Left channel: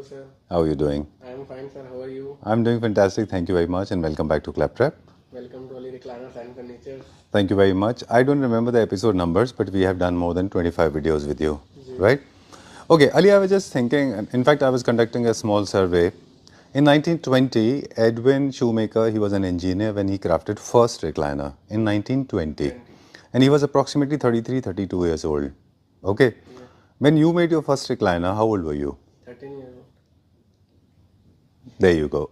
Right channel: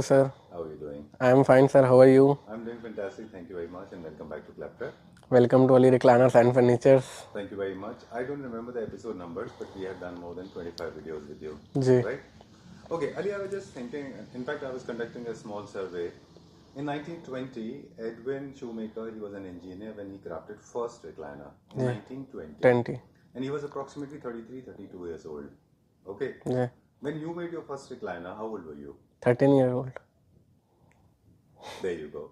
Hello, sir. How are you doing? I am fine, sir. How are you? I'm doing fantastic. Thank you very much, and welcome back to Claptrap. Welcome to Ali Recliners and Furnitures. Thank you very much. I don't remember the episode numbers, but we have done more than 25 videos with you, जी. right? Okay, Ali, I was just thinking, in fact, I was conducting a small survey. In 1920, Edwin Shoemaker, he was an engineer when he crafted first recliner in 1920. 20. And he was approximately 33, 32 years old. Okay? Yeah. When you made your first recliner, how old were you? 13 years old. There you go.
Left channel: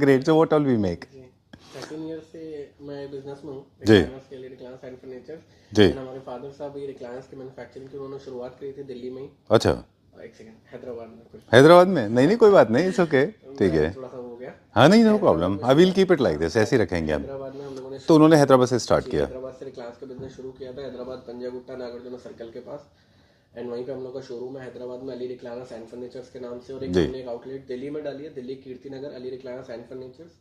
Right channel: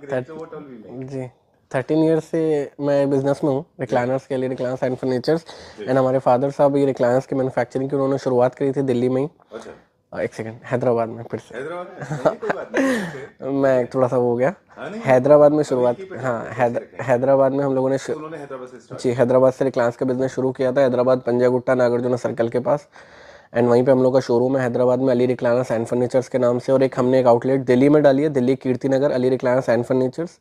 Great. So what all we make? जी 13 years से मैं business में हूँ recliners के लिए, recliners and furnitures. जी. And हमारे father साहब ये रिक्लाइनर्स की मैन्युफैक्चरिंग की उन्होंने शुरुआत करी थी दिल्ली में ही. अच्छा. एक सेकंड, हैदराबाद में. फिर से हैदराबाद में? नहीं कोई बात नहीं, इट्स ओके. मैं थोड़ा सा वो हो गया. हाँ नहीं, हैदराबाद में I will keep it like this, ऐसे ही रखेंगे. हैदराबाद में हम लोगों ने तो उन्होंने हैदराबाद से स्टार्ट जी किया. हैदराबाद से रिक्लाइनर्स का बिजनेस शुरू किया था. हैदराबाद पंजागुट्टा नागार्जुना सर्कल के पास. एंड वहीं पे हम लोग का शोरूम है हैदराबाद में, अली रिक्लाइनर्स एंड फर्नीचर्स के नाम से. और एक हमने एक आउटलेट दिल्ली में डाली है, Delhi Kirti Nagar, Ali recliners and furnitures.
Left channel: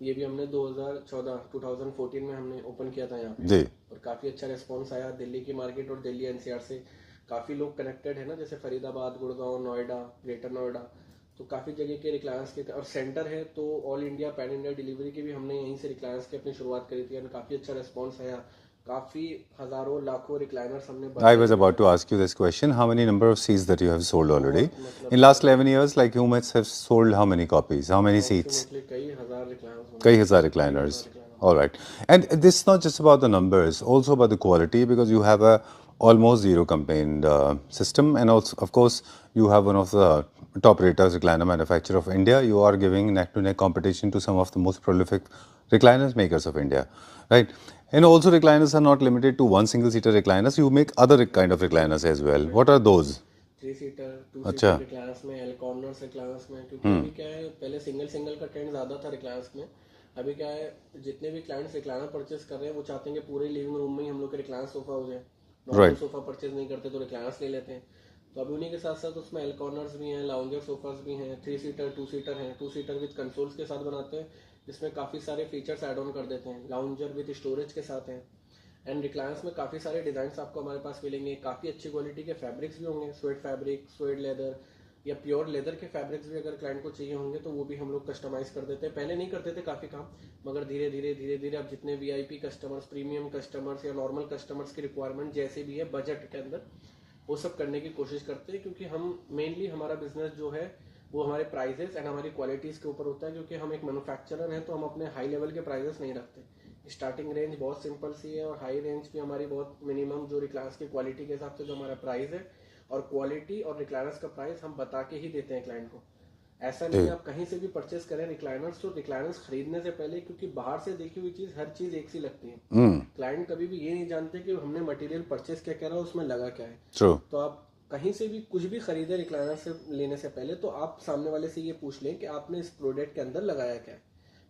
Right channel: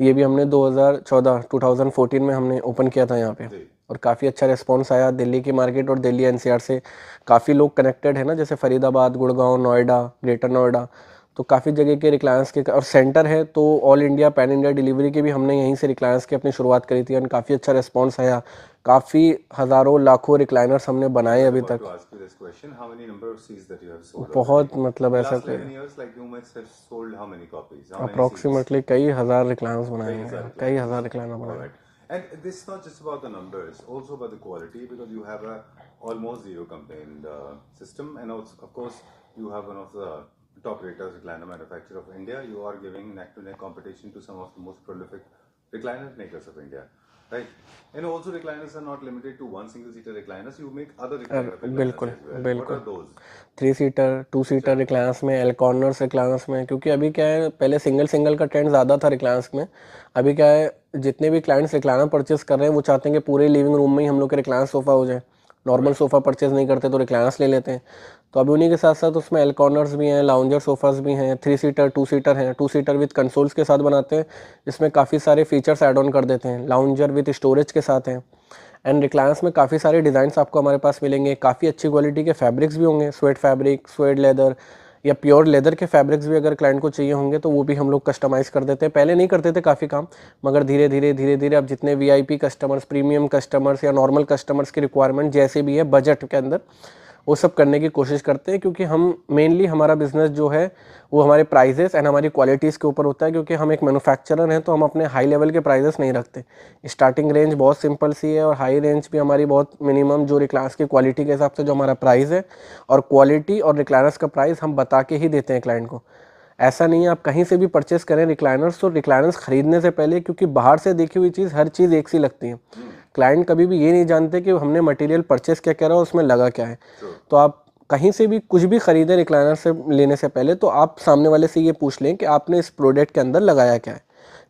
ये भी हमने 2014 में हमने ओपन किया था यहाँ पे जी. और काफ़ी अच्छा रिस्पांस आया. दिल्ली की मार्केट और दिल्ली एनसीआर से काफ़ी लोग कनेक्टेड है ना, जैसे फरीदाबाद, गुड़गांव, नोएडा, ग्रेटर नोएडा, तो काफ़ी जगह के रिक्लायंस के और सेंटर है. तो all India pan India delivery की भी हमने यहीं से रिक्लायंस की अपनी शुरुआत करी थी. और काफ़ी अच्छा रिस्पांस आया. काफ़ी हज़ारों लाखों रिक्लाइनर्स हमने I बनाए was अभी about तक. to ask you this question. How many number of seats that you have sold बहुत already? मतलब In last 11 years, like you must have sold how many copies? How many seats? Approximately कई हज़ार रिक्लायंस बनाए. कई हजार recliners. कई हज़ार recliner. All right. And this is not just about the numbers, also about the quality, because you have a almost zero complaint system, and also, of course, you have one of the top raters recliner manufacturer of India. You are giving neck-to-neck competition to some of the most prolific recliners makers of India, right? And also recliners are not limited to one single-seater recliners. You make other kind of recliners as well. What are those? 3 seater 2 seater recliners में, L corners रिक्लायंस में. क्योंकि अभी क्या है, पहले single का trend ज़्यादा था रिक्लायंस में. अभी क्या है, जितने भी क्लाइंट्स रिक्लायनर परचेस कर रहे हैं वो चाहते हैं कि पूरे लिविंग रूम में ही हम लोग के रिक्लायंस सोफ़ा हो जाए. नॉर्मल सोफ़ा परचेज नहीं करते तो रिक्लायंस ले लेते हैं. तो अभी उन्हीं के साथ साथ उसमें एल कॉर्नर्स भी हैं, लाउंजर सोफ़ास भी हैं, 3 सीटर 2 सीटर हैं. 2 सीटर विद कंसोल्स के साथ बनाते हैं, इसमें काफ़ी सारे फीचर्स ऐड ऑन कर देते हैं. लाउंजर विद स्टोरेज के साथ हैं. एंड रिक्लायंस में काफ़ी सारे डिज़ाइंस आपको हमारे पास मिलेंगे. काफ़ी अच्छी क्वालिटी के फैब्रिक्स भी होंगे, स्वेट फैब्रिक, स्वेट लेदर या प्योर लेदर के फैब्रिक्स भी अगर क्लाइंट को चाहिए होंगे तो वो भी हम लोग कस्टमाइज़ कर देते हैं. पहले नहीं करते थे काफ़ी काम, मगर धीरे धीरे अब जितने वीआईपी कस्टमर्स, प्रीमियम कस्टमर्स या नॉर्मल कस्टमर्स की रिक्वायरमेंट जैसे भी है बजट के अंदर, वो सब करने की कोशिश करते हैं. क्योंकि हम मेनली हमारा बिजनेस जो है वो हमारे प्राइजेस एंड हमारी क्वालिटीज़ के ऊपर होता है. क्योंकि हम एक मैन्युफैक्चरर हैं तो हम अपने हाई लेवल के प्राइजेस नहीं रखते. स्टार्टिंग रेंज बहुत सिंपल सी है और हाई रेंज भी हमारी बहुत मिनिमम, जो रिक्लायंस की क्वालिटी के हिसाब से जो हमारा प्राइस है, और क्वालिटी और रिक्लायंस का प्राइस हम बता के ही देते हैं क्लाइंट को. ऐसा नहीं है आप कहीं से भी परचेस करें रिक्लाइनर्स, तो रिक्लाइनर्स खरीदने से पहले, क्योंकि बाहर से देखी हुई चीज़ हर चीज़ एक सी लगती है. क्लाइंट कभी भी ये नहीं जानते कि हमने मटेरियल परचेस क्या करा, उसमें लगा क्या है. तो आप कहीं से भी कुछ भी खरीदें रिक्लाइनर से लेने से पहले, तो आप सामने वाले से ये पूछ लें कि आपने इस प्रोडक्ट के अंदर लगाया क्या है.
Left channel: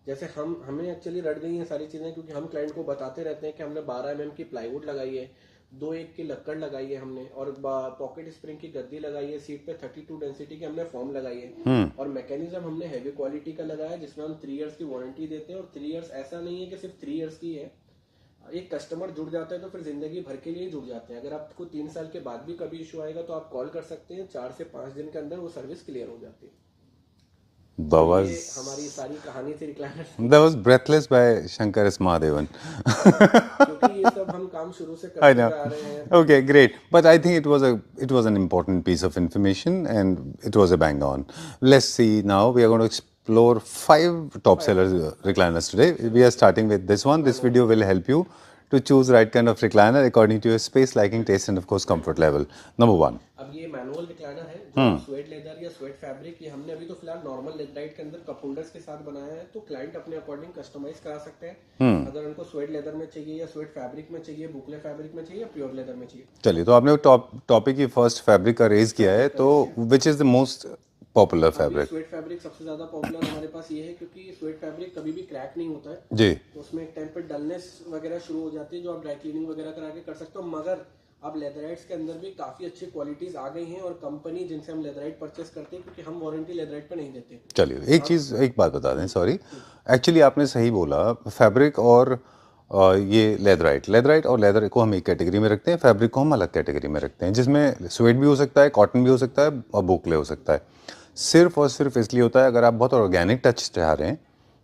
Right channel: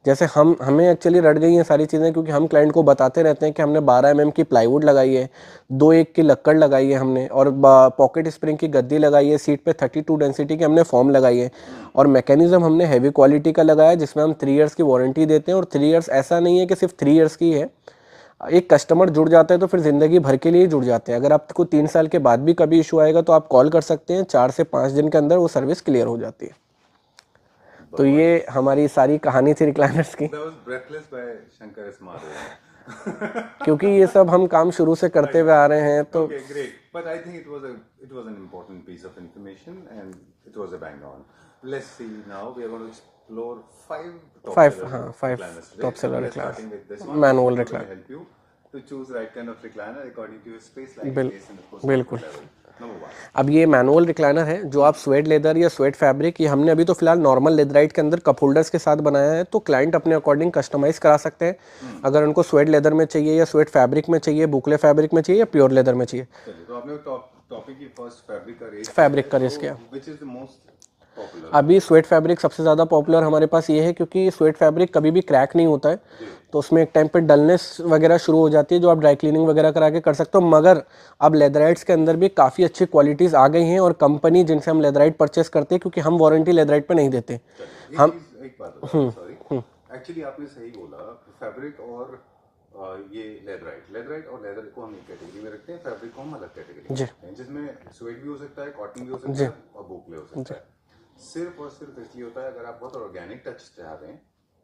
जैसे हमें एक्चुअली रट गई हैं सारी चीज़ें, क्योंकि हम क्लाइंट को बताते रहते हैं कि हमने 12 mm की प्लाईवुड लगाई है, 2 की लक्कड़ लगाई है हमने, और पॉकेट स्प्रिंग की गद्दी लगाई है, सीट पे 32 डेंसिटी की हमने फॉर्म लगाई है, और मैकेनिज्म हमने हैवी क्वालिटी का लगाया है जिसमें हम 3 इयर्स की वारंटी देते हैं. और 3 इयर्स ऐसा नहीं है कि सिर्फ 3 इयर्स की है. एक कस्टमर जुड़ जाता है तो फिर ज़िंदगी भर के लिए जुड़ जाते हैं. अगर आपको 3 साल के बाद भी कभी इशू आएगा तो आप कॉल कर सकते हैं, 4 से 5 दिन के अंदर वो सर्विस क्लियर हो जाती है. तो ये हमारी सारी कहानी थी रिक्लाइनर्स की. That was breathless by Shankar S. Mahadevan. क्योंकि ये सब हम काम शुरू से करते हुए आ रहे हैं. Okay, great. But I think it was an important piece of information and it was a bang on. Let's see now. We are going to explore 5 top sellers recliners today. We are starting with this one. This video will help you to choose right kind of recliner according to your space, liking, taste and of course comfort level. Number 1. अब ये manual recliner है जो आप sweat leather या sweat fabric, ये हमने अभी तो फिलहाल नॉर्मल लेदराइट के अंदर कप होल्डर्स के साथ बनाया है. तो क्लाइंट अपने अकॉर्डिंग कस्टमाइज करा सकते हैं. अगर उनको स्वेट लेदर में चाहिए या स्वेट फैब्रिक में चाहिए, बुकले फैब्रिक में चाहिए या प्योर लेदर में चाहिए. चलिए, तो आपने टॉपिक की फर्स्ट फैब्रिक का रेज किया है, तो which is the most popular? अभी स्वेट फैब्रिक सबसे ज़्यादा पॉपुलर हमारे पास ये है क्योंकि स्वेट फैब्रिक कभी भी क्रैक नहीं होता है जी. तो उसमें एक टाइम पे डलनेस वगैरह शुरू हो जाती है जो आप ड्राई क्लीनिंग वगैरह करा के कर सकते हो. मगर अब लेदराइट्स के अंदर भी काफ़ी अच्छी क्वालिटीज़ आ गई हैं और कंपनी जिनसे हम लेदराइट परचेस करते हैं, क्योंकि हम वारंटी लेदराइट पे नहीं देते. चलिए, एक बात बता दें, सॉरी, एक्चुअली आपने सही बोला, फैब्रिक और ये लेदराइट और लेदर को हम एक कैटेगरी में रखते हैं, फैब्रिक को हम अलग कैटेगरी में रखते हैं, जिसमें स्वेट भी हो सकता है, कॉटन भी हो सकता है और बोकले हो सकता है। सिर्फ और सिर्फ इसलिए होता है अगर आप बहुत ऑर्गेनिक टच चाह रहे हैं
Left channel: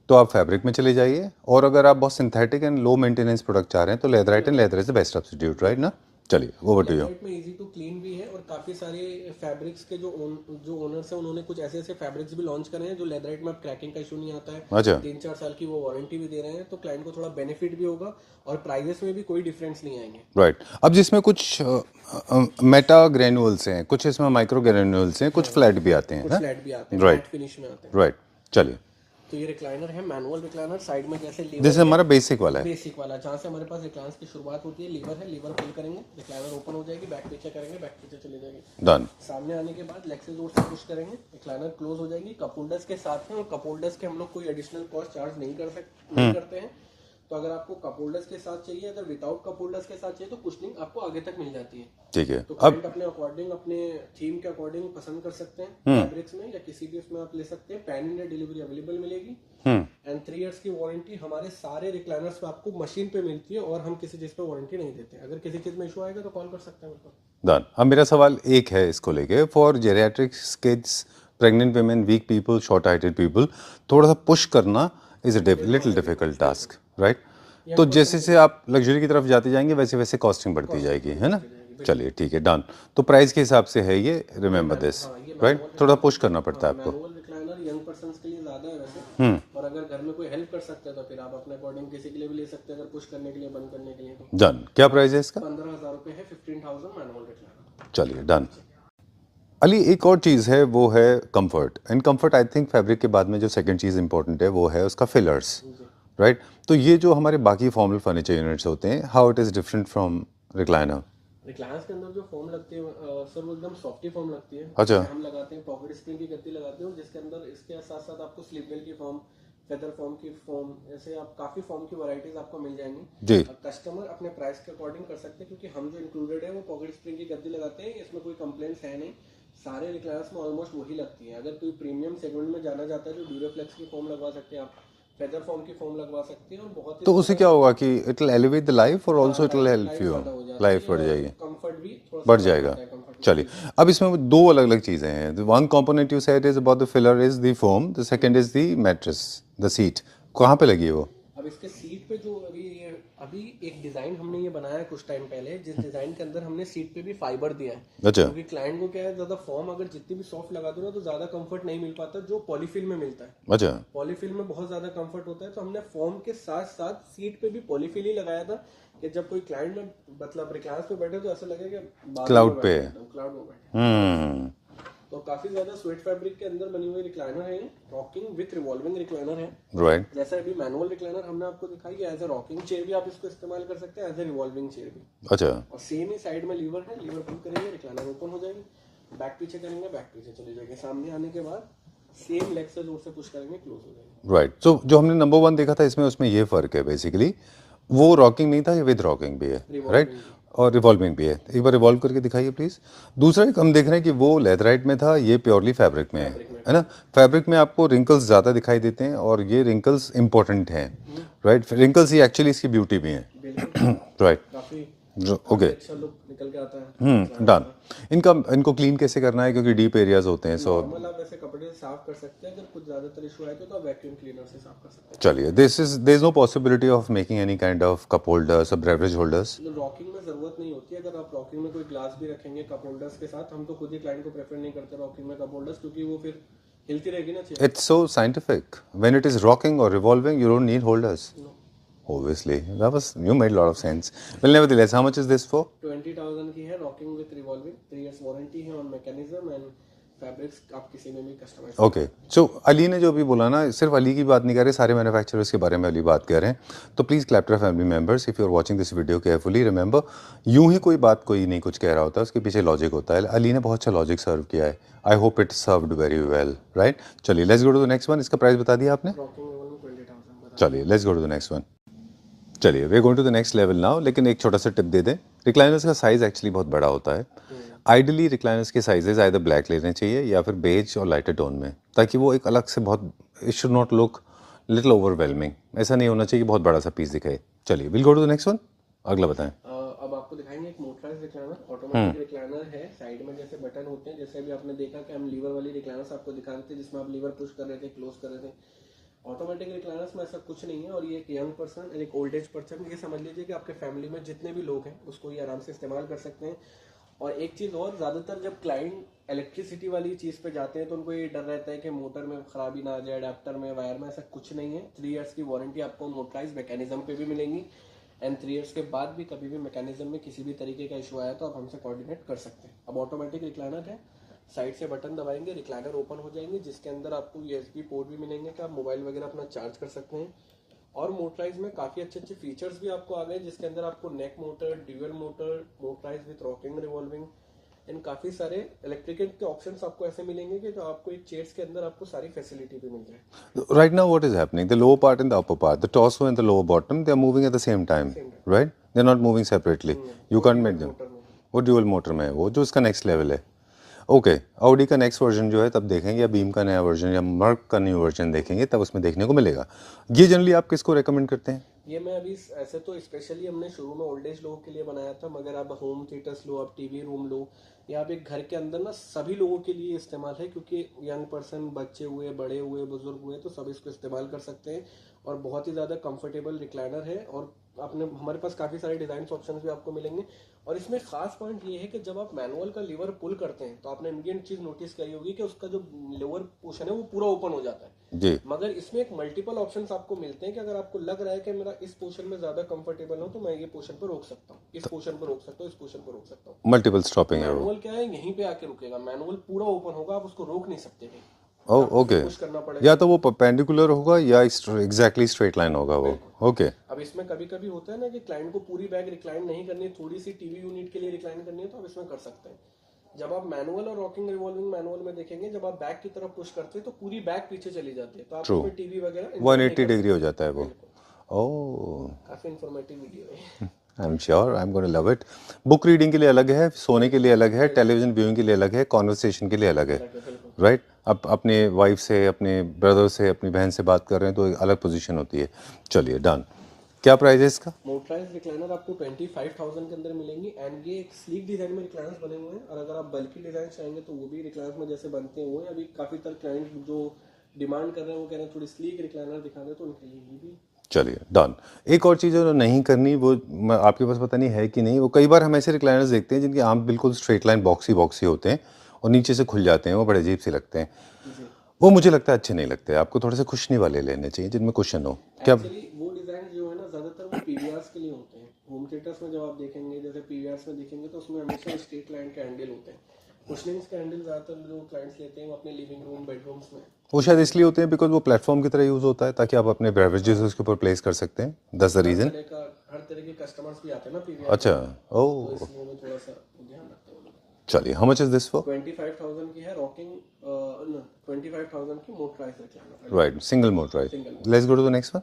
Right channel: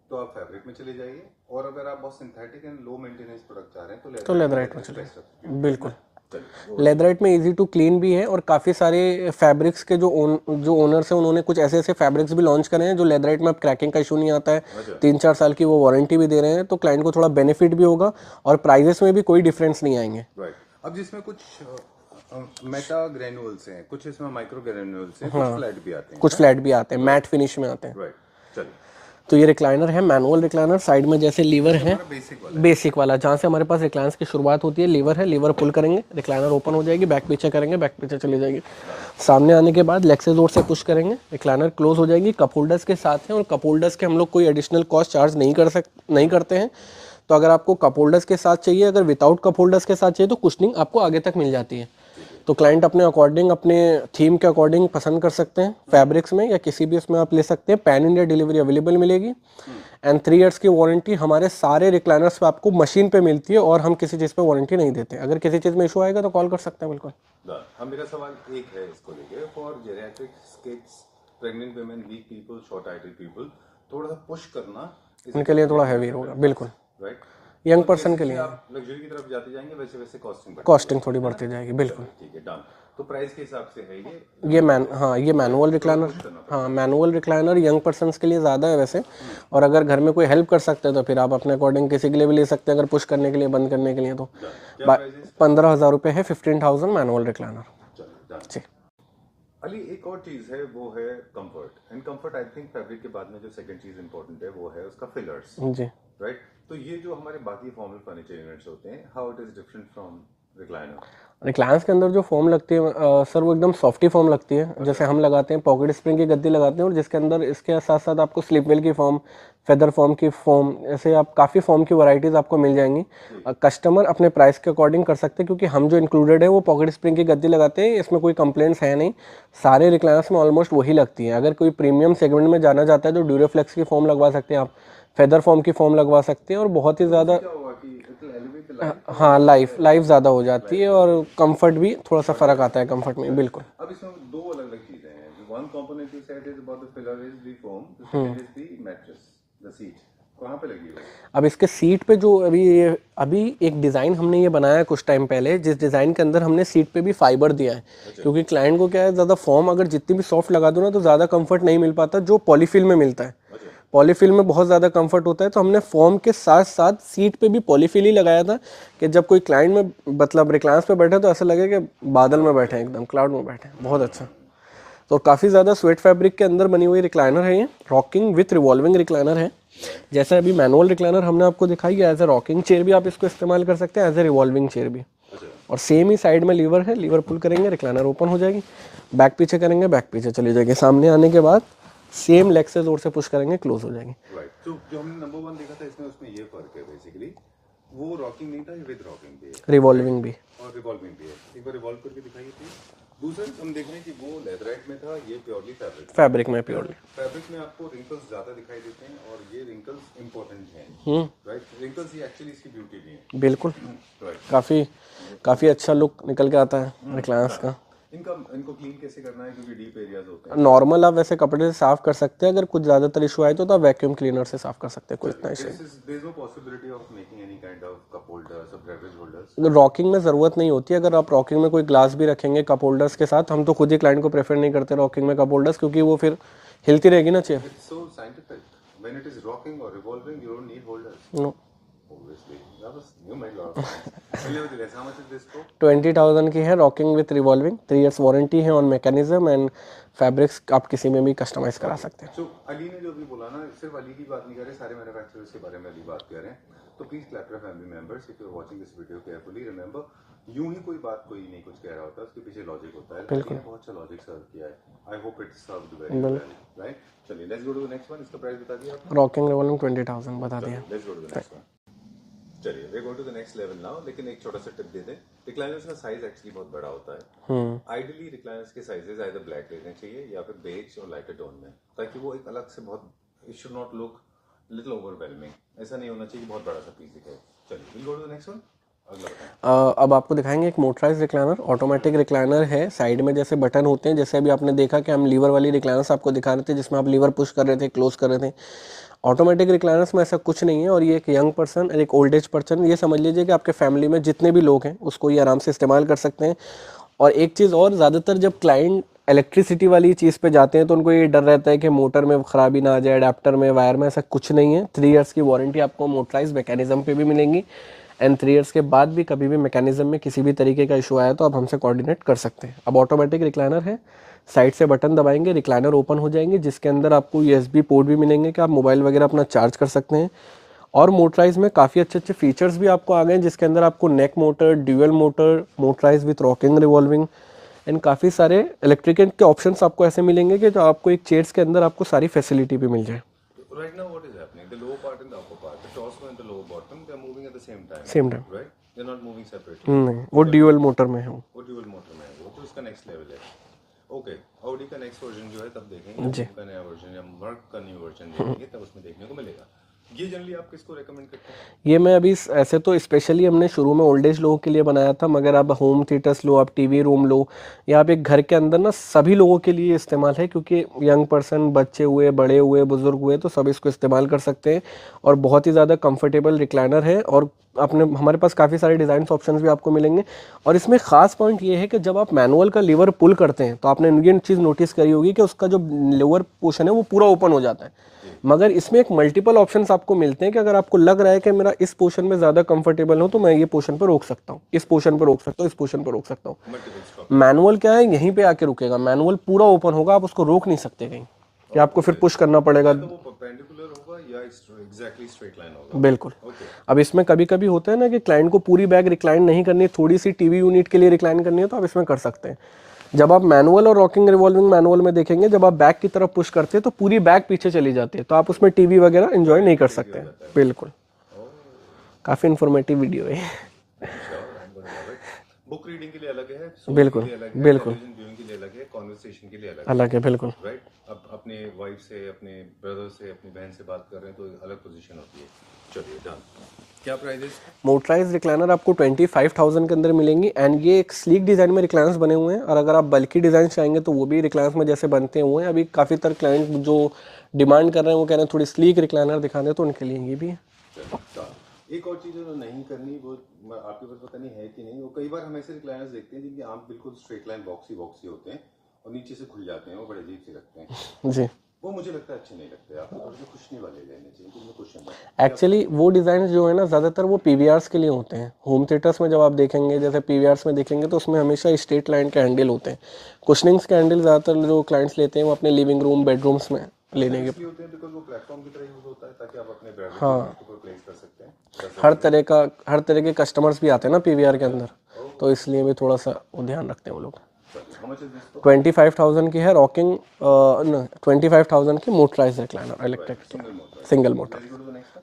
तो आप फैब्रिक में चले जाइए, और अगर आप बहुत synthetic and low maintenance product चाह रहे हैं तो leather is the best substitute, right ना। चलिए वो लेदराइट में इजी टू क्लीन भी है, और काफ़ी सारे फैब्रिक्स के जो ओनर्स हैं उन्होंने कुछ ऐसे ऐसे फैब्रिक्स भी लॉन्च करे हैं जो लेदराइट में अब क्रैकिंग का इशू नहीं आता है। अच्छा 3-4 साल की वो वारंटी भी दे रहे हैं, तो क्लाइंट को थोड़ा बेनिफिट भी होगा और प्राइजेस में भी कोई डिफरेंस नहीं आएंगे। राइट। अब जिसमें कुछ मेटा ग्रेन्यूल्स हैं, कुछ इसमें माइक्रो ग्रेन्यूल्स हैं, कुछ फ्लैट भी आते हैं, कुछ फ्लैट भी आते हैं, मैट फिनिश में आते हैं। राइट। चलिए तो ये रिक्लाइनर है, मैनुअल रिक्लाइनर। साइड में जैसे लीवर जैसे है, हमारा बेसिक वाला है, बेसिक वाला, जहाँ से हमारे पास रिक्लाइनर्स की शुरुआत होती है, लीवर है, लीवर पुल करेंगे, रिक्लाइनर ओपन हो जाएगी, बैक पीछे करेंगे, बैक पीछे चली जाएगी। डन। सामने आने के बाद लेग से जोर से पुश करेंगे, रिक्लाइनर क्लोज हो जाएगी। कप होल्डर्स के साथ हैं, और कप होल्डर्स के हम लोग कोई एडिशनल कॉस्ट चार्ज नहीं करते हैं। तो अगर आपको कप होल्डर्स के साथ चाहिए, अगर विदाउट कप होल्डर्स के साथ चाहिए तो कुशनिंग आपको आगे तक मिल जाती है। ठीक है। तो क्लाइंट अपने अकॉर्डिंग, अपने थीम के अकॉर्डिंग पसंद कर सकते हैं, फैब्रिक्स में या किसी भी उसमें आप ले सकते हैं। पैन इंडिया डिलीवरी अवेलेबल मिलेगी, एंड 3 इयर्स की वारंटी हमारे सारे रिक्लाइनर्स पे आपको मशीन पे मिलती है, और हम किसी चीज़ पे वारंटी नहीं देते। अगर किसी चीज़ में इशू आएगा तो कॉल कर सकते हैं, बिल्कुल। डन। अब मेरा सवाल एक है इसको लेके, for geriatrics kids, pregnant women, weak people, short heighted people, थोड़ा सा पुश करना is a little difficult task, right. तो जैसे से आप लग्जरी की तरफ जाते जाएंगे वैसे वैसे कॉस्टिंग बढ़ती जाएगी, है ना। चलिए ठीक है, डन। तो प्राइस के हिसाब से है ये ये मैनुअल रिक्लाइनर, थोड़ा पुश करना पड़ता है। मैनुअल रिक्लाइनर यंग पर्सन्स के लिए ज़्यादा है वैसे, और अगर घर में कोई हेल्प कर सकता है तो फिर आप अपने अकॉर्डिंग किसी के लिए भी ले सकते हैं, अगर पुश करने के लिए, बंद करने के लिए। तो डन। क्या प्राइस है इसका? 15,000 रुपये है, 15,000 मैनुअल रिक्लाइनर। चलिए डन। अली, एक और चीज़ है, वो है comfort. And comfort I think fabric के बाद में जो सेकंड चीज़ इंपॉर्टेंट है वो है उसका फिलर्स, जी। राइट। तो ये जो हमारे बाकी फॉर्मल फर्नीचर यूनिट्स होते हैं, how it is different from recliner? Recliners के अंदर जो फोम लगती है सर, वो एकदम सॉफ्टी फोम लगती है। जैसे हम लगाते हैं पॉकेट स्प्रिंग की गद्दी लगाते हैं, और जिसके अंदर इसके साथ साथ आपको स्लिप वेल की फोम, फेदर फोम की फोम, ऐसे आप काफ़ी फोम की वैरायटीज आपको मिल जाएंगी। कस्टमर अपने प्राइस के अकॉर्डिंग कर सकते हैं, क्योंकि हम जो इंक्लूडेड है वो पॉकेट स्प्रिंग की गद्दी लगाते हैं, इसमें कोई कंप्लेंट्स है नहीं। सारे रिक्लाइनर्स में ऑलमोस्ट वही लगती है। अगर कोई प्रीमियम सेगमेंट में जाना चाहता है तो ड्यूरोफ्लेक्स की फोम लगवा सकते हैं आप, फेदर फॉर्म की फॉर्म लगवा सकते हैं, और बहुत ही तो ज़्यादा उससे क्या होगा कि it will elevate the life, और हाँ, लाइफ ज़्यादा हो जाती है, और कंफर्ट भी थोड़ा सा फर्क आता है कंफर्ट में। बिल्कुल। अब इसमें दो अलग अलग चीज़ें हैं। One component you said is about the filler is the foam, the second is the mattress, the seat. कहाँ पे लगी है वो? अब इसके सीट पे जो अभी एक डिज़ाइन हमने ये बनाया है कुछ टाइम पहले, जिस डिज़ाइन के अंदर हमने सीट पे भी फाइबर दिया है। अच्छा। क्योंकि क्लाइंट को क्या है, ज़्यादा फॉर्म अगर जितनी भी सॉफ्ट लगा दो ना तो ज़्यादा कंफर्ट नहीं मिल पाता जो पॉलीफिल में मिलता है। अच्छा। पॉलीफिल में बहुत ज़्यादा कंफर्ट होता है, तो हमने फॉर्म के साथ साथ सीट पे भी पॉलीफिल ही लगाया था, कि जब कोई क्लाइंट में मतलब रिक्लाइनर्स पे बैठे तो ऐसा लगे कि बादल में बैठे, एकदम क्लाउड में बैठे। बहुत अच्छा। तो काफ़ी ज़्यादा स्वेट फैब्रिक के अंदर बनी हुई रिक्लाइनर है ये, रॉकिंग विथ रिवॉल्विंग रिक्लाइनर है। जैसे अभी मैनुअल रिक्लाइनर हमने आपको दिखाई है, एज ए रॉकिंग चेयर भी आप इसको इस्तेमाल कर सकते हैं, एज ए रिवॉल्विंग चेयर भी। अच्छा। और सेम ही साइड में लीवर है, लीवर पुल करेंगे, रिक्लाइनर ओपन हो जाएगी, बैक पीछे करेंगे, बैक पीछे चली जाएगी। सामने आने के बाद सेम लेग से जोर से पुश करेंगे, क्लोज हो जाएगी। राइट। तो जो हमने नंबर 1 देखा था इसमें, उसमें ये फ़र्क है बेसिकली, वो रॉकिंग नहीं था, ये विद रॉकिंग भी है, रिवॉल्विंग भी, और रिवॉल्विंग भी है। एक बार रिवॉल्व करके दिखाइए प्लीज। दूसरा एक हम देख रहे हैं कि वो लेदराइट में था, ये प्योरली फैब्रिक में है ना। फैब्रिक में आपको रिंकल्स ज़्यादा दिखाई देते हैं, और ये रिंकल्स इंपॉर्टेंट हैं, राइट। रिंकल्स ही एक्चुअली इसकी ब्यूटी भी है। बिल्कुल। राइट। काफी अच्छा लुक निकल के आता है रिक्लाइनर्स का। इनको क्लीन कैसे करना है, क्योंकि डीप एरियाज होते हैं। नॉर्मल आप वैसे कपड़े से साफ कर सकते हैं, अगर कुछ ज्यादातर इशू आए तो आप वैक्यूम क्लीनर से साफ कर सकते हैं। चलिए, there is no possibility of making any kind of cup holders और बेवरेज होल्डर्स? रॉकिंग में जरूरत नहीं होती। अगर आप रॉकिंग में कोई ग्लास भी रखेंगे कप होल्डर्स के साथ, हम तो खुद ही क्लाइंट को प्रेफर नहीं करते रॉकिंग में कप होल्डर्स, क्योंकि वो फिर हिलती रहेगी ना chair. It's so scientific, when it is rocking और revolving you don't need holders. No, obviously you made a lot of sense. Well, nevertheless, how much is this for? 20,000 की है, rocking with revolving, 3 years warranty है on mechanism, and fabrics आप किसी में भी customise करा सकते हैं। सो अली ने जो अभी बोला ना, सिर्फ अली की बात नहीं कर रहे, सारे मैन्युफैक्चरर्स के बारे में अली बात कर रहे हैं। तो please clapter family members, if you are watching this video carefully, remember, यूं ही कोई बात कोई नहीं कुछ कह रहा होता, उसके पीछे लॉजिक होता है। अली ने बहुत अच्छा लॉजिक सर्व किया है। I hope it served very well, right. चलिए, let's go to the next one. इसका प्राइस बता दिया आपने? रॉकिंग रिवॉल्विंग 20,000 बता दिया। चलिए, let's go to the next one. चलिए, we are going to the next level now. लेकिन एक छोटा सा टिप दे दें, रिक्लाइनर्स का साइज एक्चुअली बहुत बड़ा होता है। आइडियली रिक्लाइनर्स के साइजेस आइदर ब्लैक लेने चाहिए या फिर बेज और लाइटर टोन में, ताकि वो एक अलग से बहुत, it should not look little overwhelming. ऐसा नहीं होना चाहिए कि बहुत बड़ा सा पीस दिखे। चलिए will go to the next one, अगला बताएं। अब आपको दिखाएंगे एक मोटराइज रिक्लाइनर, ऑटोमेटिक रिक्लाइनर है। साइड में जैसे बटन होते हैं, जैसे अभी आपने देखा कि हम लीवर वाली रिक्लाइनर्स आपको दिखा रहे थे जिसमें आप लीवर पुश कर रहे थे, क्लोज कर रहे थे। ऑटोमेटिक रिक्लाइनर्स में ऐसा कुछ नहीं है। और ये एक यंग पर्सन और एक ओल्ड एज पर्सन, ये समझ लीजिए कि आपके फैमिली में जितने भी लोग हैं उसको ये आराम से इस्तेमाल कर सकते हैं। और एक चीज़ और, ज़्यादातर जब क्लाइंट इलेक्ट्रिसिटी वाली चीज़ पे जाते हैं तो उनको ये डर रहता है कि मोटर में खराबी ना आ जाए, अडेप्टर में, वायर में। ऐसा कुछ नहीं है। 3 इयर्स की वारंटी आपको मोटराइज मैकेनिज्म पे भी मिलेंगी एंड 3 इयर्स के बाद भी कभी भी मैकेनिज्म में किसी भी तरीके का इशू आया तो आप हमसे कोऑर्डिनेट कर सकते हैं। अब ऑटोमेटिक रिक्लाइनर है, साइड से बटन दबाएंगे, रिक्लाइनर ओपन हो जाएंगे, जिसके अंदर आपको USB पोर्ट भी मिलेंगे कि आप मोबाइल वगैरह अपना चार्ज कर सकते हैं। और मोटराइज में काफ़ी अच्छे अच्छे फीचर्स भी आपको आ गए हैं, जिसके अंदर आपको neck motor, dual motor, motorise with rocking revolving and काफ़ी सारे इलेक्ट्रिक के ऑप्शंस आपको ऐसे मिलेंगे कि जो आपको एक चेयर्स के अंदर आपको सारी फैसिलिटी भी मिल जाए। Right now, what is happening? The lower part and the upper part, the torso and the lower bottom, they are moving at the same time. Same time. Right? They're not moving separately. नहीं, You वो can't dual make them. Motor में है। वो dual motor में है, वो जो उसका नेक्स्ट लेवल है। ओके, ऑडी का नेक्स्ट वर्जन जो है तब देखेंगे, या बीम का नया वर्जन या मर्क का न्यू वर्जन देखेंगे तब उसमें देखने को मिलेगा। ये जनरली आप किसको रेकमेंड करते हैं? ये मैं अभी ऐसे तो स्पेशली हमने शुरू में ओल्ड एज लोगों के लिए बनाया था, मगर आप होम थिएटर्स लो, आप टीवी रूम लो, या आप एक घर के अंदर ना सभी लोगों के लिए इस्तेमाल है, क्योंकि यंग पर्सन, बच्चे हुए, बड़े हुए, बुजुर्ग हुए, तो सब इसको इस्तेमाल कर सकते हैं। और बहुत ही ज़्यादा कंफर्टेबल रिक्लाइनर है। और अपने हमारे पास काफ़ी सारे डिज़ाइन ऑप्शंस भी आपको मिलेंगे। और इसमें ख़ास पॉइंट ये है कि जब आप मैनुअल का लीवर पुल करते हैं तो आपने ये चीज़ नोटिस करी होगी कि उसका जो लोअर पोर्शन है वो पूरा ओपन हो जाता है जी। मगर इसमें एक मल्टीपल ऑप्शंस आपको मिलते हैं कि अगर आपको लग रहा है कि मेरा इस पोर्शन में ज़्यादा कंफर्टेबल हो तो मैं ये पोर्शन पर रोक सकता हूँ, इस पोर्शन पर रोक सकता हूँ, इस पोर्शन पर रोक सकता हूँ। Multiple stopping. मैनुअल क्या है, यहीं पे आके रुकेगा। मैनुअल पूरा ओपन होगा, आप उसको रोक नहीं सकते कहीं, कि आपको फिर पुश करना पड़ेगा। या तो वो परपेंडिकुलर होगा या एग्जैक्टली स्ट्रेट लाइन होगा। बिल्कुल। ओके। अब इसमें कभी कभी होता है ना कि क्लाइंट को पूरी बैग रिक्लाइन नहीं करनी, थोड़ी सी टीवी यूनिट के लिए रिक्लाइन करनी है, तो आप इसमें कर सकते हैं। जब आप मैनुअल और रॉकिंग रिवॉल्विंग मैनुअल में देखेंगे, जब आप बैक की तरफ पुश करते हैं तो पूरी बैग पीछे चली जाती है, तो आप उसमें टीवी वगैरह एंजॉय नहीं कर सकते। बिल्कुल। काफी इंफॉर्मेटिव वीडियो है। I am sure I am gonna love it. Book reading के लिए अलग है, सोने के लिए अलग है, टेलीविजन व्यूइंग के लिए अलग है, कॉन्वर्सेशन के लिए अलग है। बिल्कुल। राइट? अब अपने वाइफ से, अपने ब्रदर से, अपनी बहन से बात कर रहे हैं तो एक अलग पोजीशन होती है। चलिए डन। क्या प्राइस है इसका? मोटराइज रिक्लाइनर आपको 25,000 के अंदर मिलेंगी एंड ये एक स्लीक डिज़ाइन में रिक्लाइनर्स बने हुए हैं। और अगर आप बल्कि डिज़ाइन चाहेंगे तो वो भी रिक्लाइनर्स में जैसे बनते हुए हैं। अभी काफ़ी तरह क्लाइंट जो डिमांड कर रहे हैं वो कह रहे हैं थोड़ी स्लीक रिक्लाइनर दिखा दें, तो उनके लिए ये भी है। चलिए डन। एक और चीज़ जो नहीं करनी, वो आपके पास पता नहीं है कि नहीं, वो कई बार हम ऐसे रिक्लाइनर्स देखते हैं जिनके आम बिल्कुल स्ट्रेट लाइन बॉक्सी होते हैं और नीचे से खुल जाते हैं, वो बड़े अजीब से लगते हैं जी। वो मुझे लगता है अच्छे नहीं लगते। आपको थोड़े से कुशनी वाले लेने चाहिए जिनमें कुशन हो। एक्चुअली वो डिज़ाइन जो है ना ज़्यादातर वो PVRs के लिए होते हैं। होम थिएटर्स में जब आप देखेंगे, जैसे PVRs में देखेंगे तो उसमें हमेशा स्ट्रेट लाइन के हैंडल होते हैं। कुशनिंग्स के हैंडल ज़्यादातर जो क्लाइंट्स लेते हैं वो अपने लिविंग रूम, बेडरूम्स में वो शायद इसलिए होते हैं बिकॉज वो प्लेटफॉर्म की तरह यूज होता है, ताकि आप अपने बेवरेजेस उसके ऊपर प्लेस कर सकते हैं। हर तरह के कस्टमर्स भी आते हैं ना PVR के अंदर, ओह तो इसलिए भी थोड़ा सा वो ध्यान रखते हैं वो लोग। चलिए, how much is this for? 25,000 की है रॉकिंग, 25,000 की motorize recliner, right, single motorize. Single motor. Let's go to the next one.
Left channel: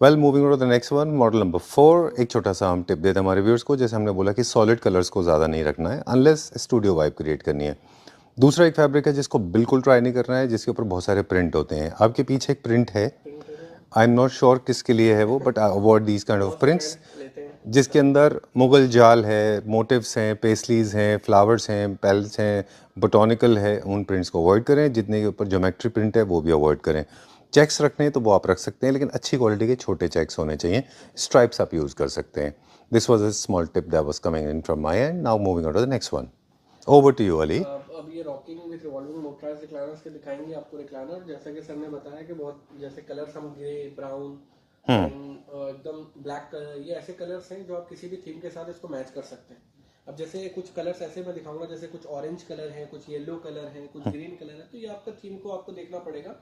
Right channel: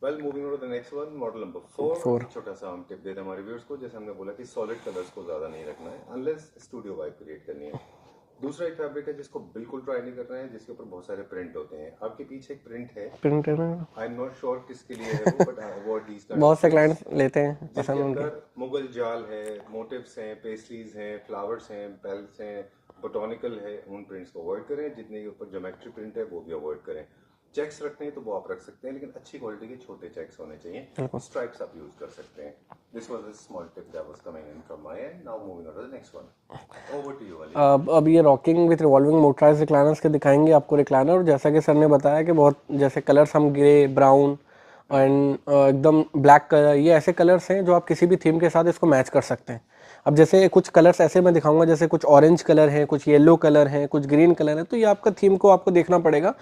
Well, moving to the next one, model number 4। एक छोटा सा हम टिप देते हैं हमारे व्यूअर्स को, जैसे हमने बोला कि सॉलिड कलर्स को ज़्यादा नहीं रखना है अनलेस स्टूडियो वाइब क्रिएट करनी है। दूसरा एक फैब्रिक है जिसको बिल्कुल ट्राई नहीं करना है, जिसके ऊपर बहुत सारे प्रिंट होते हैं। आपके पीछे एक प्रिंट है, आई एम नॉट श्योर किसके लिए है वो, but avoid these kind of prints लेते हैं, जिसके अंदर मुगल जाल है, मोटिव्स हैं, पेस्टलीज हैं, फ्लावर्स हैं, पेल्स हैं, बोटॉनिकल है। उन प्रिंट्स को अवॉइड करें। जितने के ऊपर ज्योमेट्री प्रिंट है वो भी अवॉइड करें। चेक्स रखने हैं तो वो आप रख सकते हैं, लेकिन अच्छी क्वालिटी के छोटे चेक्स होने चाहिए। स्ट्राइप्स आप यूज कर सकते हैं। This was a small tip that was coming in from my end. Now moving on to the next one. Over to you Ali. अब ये rocking with revolving motorize recliners के दिखाएंगे आपको रिक्लाइनर। जैसा कि सर ने बताया कि बहुत जैसे कलर्स हम ग्रे, ब्राउन एंड एकदम ब्लैक कलर, ये ऐसे कलर्स हैं जो आप किसी भी थीम के साथ इसको मैच कर सकते हैं। अब जैसे कुछ कलर्स ऐसे मैं दिखाऊंगा, जैसे कुछ ऑरेंज कलर है, कुछ येलो कलर है, कुछ ग्रीन कलर है, तो ये आपका थीम को आपको देखना पड़ेगा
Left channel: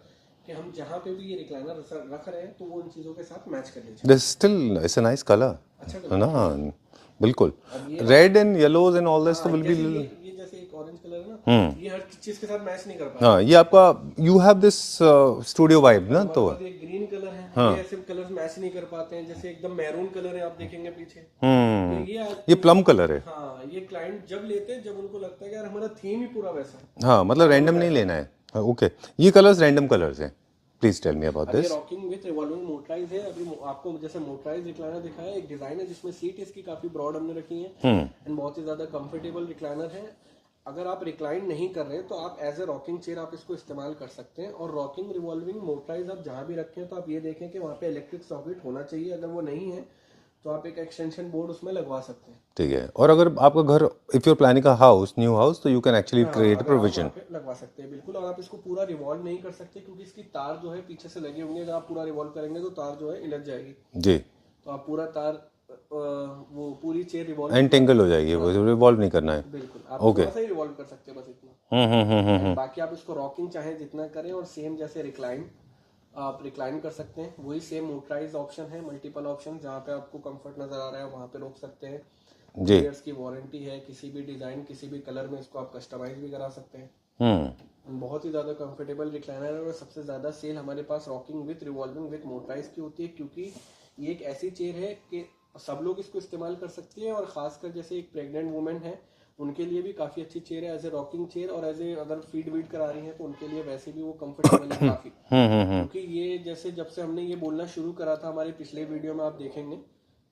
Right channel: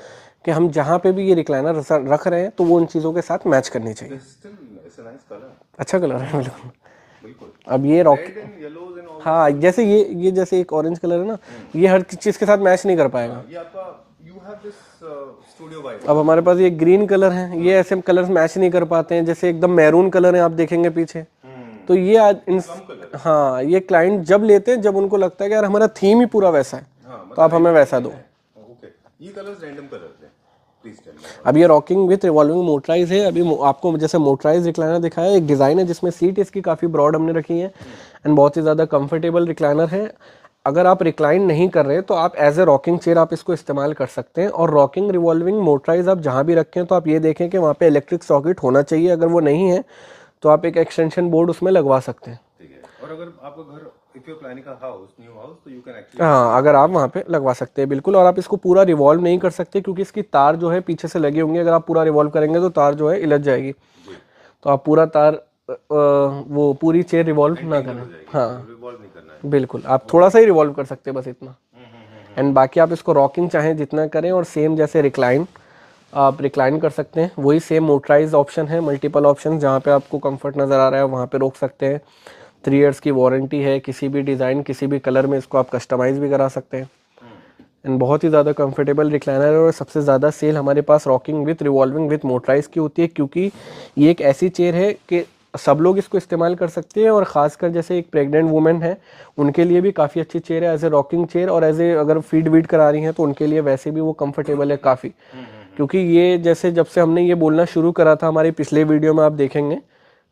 कि हम जहाँ पे भी ये रिक्लाइनर रख रहे हैं तो वो उन चीज़ों के साथ मैच करनी चाहिए। Still it's a nice colour. अच्छा कलर है। बिल्कुल। अब ये red and yellows and all this. हाँ, जैसे ये जैसे एक ऑरेंज कलर है ना, ये हर चीज के साथ मैच नहीं कर पाएगा। हाँ, ये आपका you have this studio vibe. अब हमारे पास ये ग्रीन कलर है, ये ऐसे कलर्स मैच नहीं कर पाते हैं। जैसे एकदम मैरून कलर है, आप देखेंगे पीछे, तो ये प्लम कलर है। हाँ, ये क्लाइंट जब लेते हैं जब उनको लगता है कि यार हमारा थीम ही पूरा वैसा है। हाँ, मतलब रैंडम नहीं लेना है। ओके, ये कलर्स रैंडम कलर्स हैं, प्लीज टेल मी अबाउट अब ये रॉकिंग विथ रिवॉल्विंग मोटराइज है। अभी आपको जैसे मोटराइज रिक्लाइनर दिखाया, एक डिजाइन है जिसमें सीट इसकी काफी ब्रॉड हमने रखी है एंड बहुत ही ज्यादा कंफर्टेबल रिक्लाइनर है। अगर आप रिक्लाइन नहीं कर रहे तो आप एज ए रॉकिंग चेयर आप इसको इस्तेमाल कर सकते हैं। और रॉकिंग रिवॉल्विंग मोटराइज आप जहां भी रखें तो आप ये देखें कि वहाँ पे इलेक्ट्रिक सॉकेट होना चाहिए। अगर वो नहीं है तो आप एक एक्सटेंशन बोर्ड उसमें लगवा सकते हैं। ठीक है। और अगर आपका घर, if your planning a house, new house, तो यू कैन एक्चुअली हाँ, अगर आप वहाँ पे लगवा सकते हैं बिल्कुल। और आप इसको पूरा रिवॉल्व नहीं कर सकते क्योंकि इसकी तार जो है पीछे से लगी होंगी। अगर आप पूरा रिवॉल्व करेंगे तो तार जो है इलझ जाएगी जी, तो आप पूरा तार वो पूरी चेयर रिवॉल्व एंटेंगल हो जाएगी, वो रिवॉल्व नहीं करना है। बिल्कुल, आप थोड़ा सा ही रिवॉल्व कर सकते हैं बस इतना। एंड बाकी आप इसको रॉकिंग चाहें जितना करें। और सेम जैसे रिक्लाइन आप रिक्लाइन कर सकते हैं, वही सेम मोटराइज ऑप्शन है, मल्टीपल ऑप्शन। जहाँ पे आपको कंफर्ट नज़र आ रहा है वहाँ पे रोक सकते हैं। 3 इयर्स की वारंटी है, किसी भी डिज़ाइन किसी भी कलर में इसको आप कस्टमाइज भी करा सकते हैं। एंड बहुत ही ज़्यादा कंफर्टेबल रिक्लाइनर है। और सबसे ज़्यादा सेल हमारे पास rocking with revolving with motorise की होती है क्योंकि ये एक ऐसी चेयर है कि सब लोग इसको इस्तेमाल कर सकते हैं। और ख़ासकर जैसे एक प्रेग्नेंट वुमेन है उनके लिए भी काफ़ी अच्छी चेयर है एज ए रॉकिंग चेयर। और एज ए अगर फीड वीड करा रही हैं तो उनके लिए वैसे भी वो कंफर्टेबल है काफ़ी। क्योंकि ये जैसे जब से हमने ये बोलना शुरू करा था, हमारे पिछले वीडियो में आप देखेंगे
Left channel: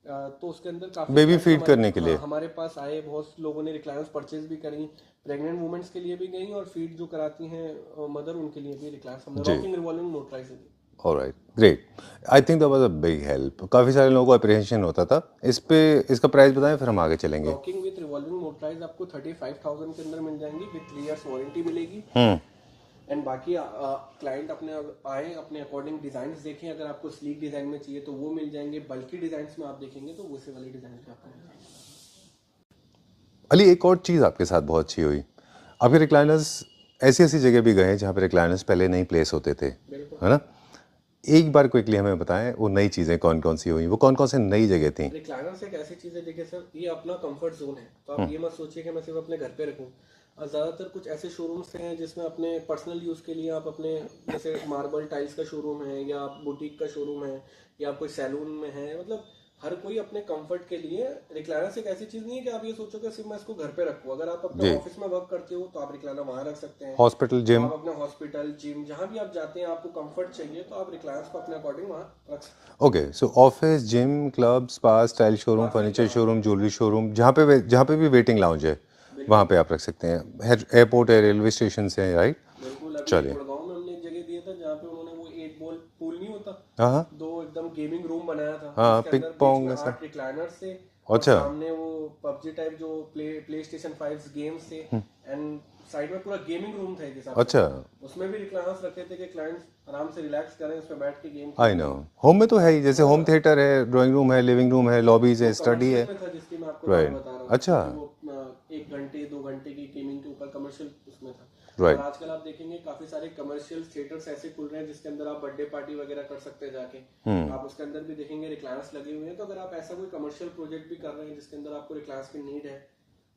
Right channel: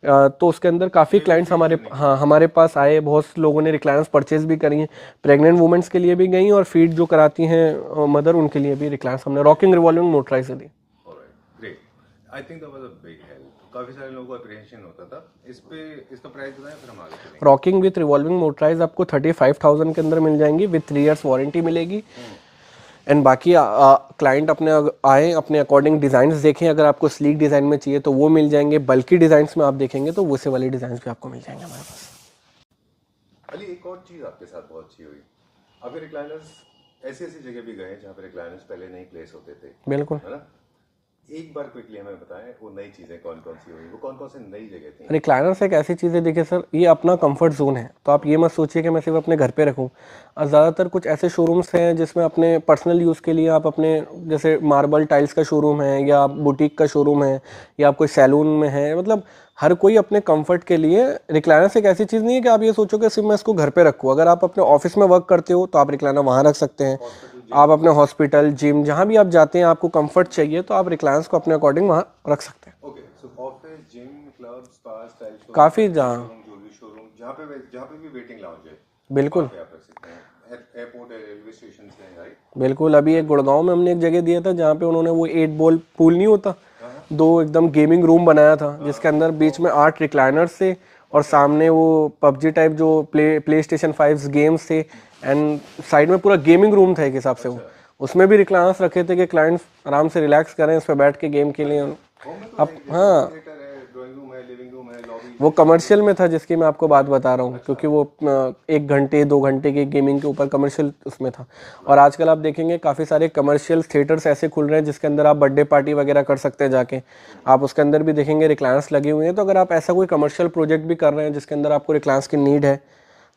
तो उसके अंदर काफ़ी Baby क्लाइंट्स feed हमारे पास आए। बहुत लोगों ने रिक्लाइनर्स परचेज भी करी हैं, प्रेग्नेंट वुमेन्स के लिए भी गई और फीड जो कराती हैं मदर उनके लिए भी रिक्लाइनर्स हमने रॉकिंग रिवॉल्विंग मोटराइज से दी। Alright, great. I think that was a big help. काफी सारे लोगों को अप्रिहेंशन होता था इस पे। इसका प्राइस बताएं फिर हम आगे चलेंगे। रॉकिंग विथ रिवॉल्विंग मोटराइज आपको 35,000 के अंदर मिल जाएंगी विथ 3 इयर्स वारंटी मिलेगी। एंड बाकी क्लाइंट अपने आए अपने अकॉर्डिंग डिजाइन देखें। अगर आपको स्लीक डिजाइन में चाहिए तो वो मिल जाएंगे। बल्कि डिजाइन में आप देखेंगे तो वैसे वाले डिजाइन भी आपको मिल जाएंगे हमारे पास। अली, एक और चीज़ आपके साथ बहुत अच्छी हुई, आपके रिक्लाइनर्स ऐसी ऐसी जगह भी गए जहाँ पे रिक्लाइनर्स पहले नहीं प्लेस होते थे, बिल्कुल। है ना? एक बार क्विकली हमें बताएं वो नई चीज़ें कौन कौन सी हुई, वो कौन कौन से नई जगह थी? रिक्लाइनर्स एक ऐसी चीज़ है, देखिए सर, ये अपना कंफर्ट जोन है। तो आप ये मत सोचिए कि मैं सिर्फ अपने घर पे रखूँ। ज़्यादातर कुछ ऐसे शोरूम्स हैं जिसमें अपने पर्सनल यूज़ के लिए आप अपने जैसे मार्बल टाइल्स का शोरूम है या बुटीक का शोरूम है या आप कोई सैलून में है, मतलब हर कोई अपने कंफर्ट के लिए। रिक्लाइनर्स एक ऐसी चीज़ नहीं है कि आप ये सोचो कि सिर्फ मैं इसको घर पे रखूँ। अगर आप अपने ऑफिस में वर्क करते हो तो आप रिक्लाइनर वहाँ रख सकते हैं। हॉस्पिटल, जिम, आप अपने हॉस्पिटल जिम जहाँ भी आप जाते हैं आपको कंफर्ट चाहिए तो आप रिक्लाइनर्स को अपने अकॉर्डिंग वहाँ रख सकते हैं। ओके। सो office, gym, club, spa, style showroom, काफ़ी फर्नीचर शोरूम, ज्वेलरी शोरूम, जहाँ पे भी वेटिंग लाउंज है वहाँ पे आप रख सकते हैं। एयरपोर्ट है, रेलवे स्टेशन से, राइट? बिल्कुल। अभी एक गुड़गांव में हमने एक जगह दिया था जहाँ पे उन्होंने वो 8 बॉल पूल नहीं होता, हाँ, 2 एकदम गेमिंग रूम बनाया था जिसके अंदर बीच में 8 रिक्लाइनर्स थे और सामने वो पबजी टाइप जो प्ले स्टेशन 5 गेम्स थे एंड साइड में पूरा गेमिंग रूम था एक हिसाब से। अच्छा। उसमें भी रिक्लाइनर्स रखे थे कि क्लाइंट्स आराम से रिलैक्स करें, उस पर बैठ के गेम खेलें। होम में तो है ही, जैसे होम थिएटर है, ड्राइंग रूम है, लिविंग रूम है, लॉबीज है, वो कमर्शियल में था जिसकी मैं आपको बात बता रहा हूँ। अच्छा। क्योंकि वो 1 घंटे 2 घंटे की गेमिंग के ऊपर कमर्शियल उसमें था। और आजकल आप देखेंगे काफी सारे कमर्शियल थिएटर्स ऐसे खुल रहे हैं जिसके अंदर आप बर्थडे पार्टी वगैरह कर सकते हैं जाके। आप उसके अंदर भी देखेंगे रिक्लाइनर्स लगे हुए हैं। तो अगर आप ऐसा कोई कमर्शियल प्रोजेक्ट भी कर रहे हैं जिसके अंदर आपको रिक्लाइनर्स की नीड है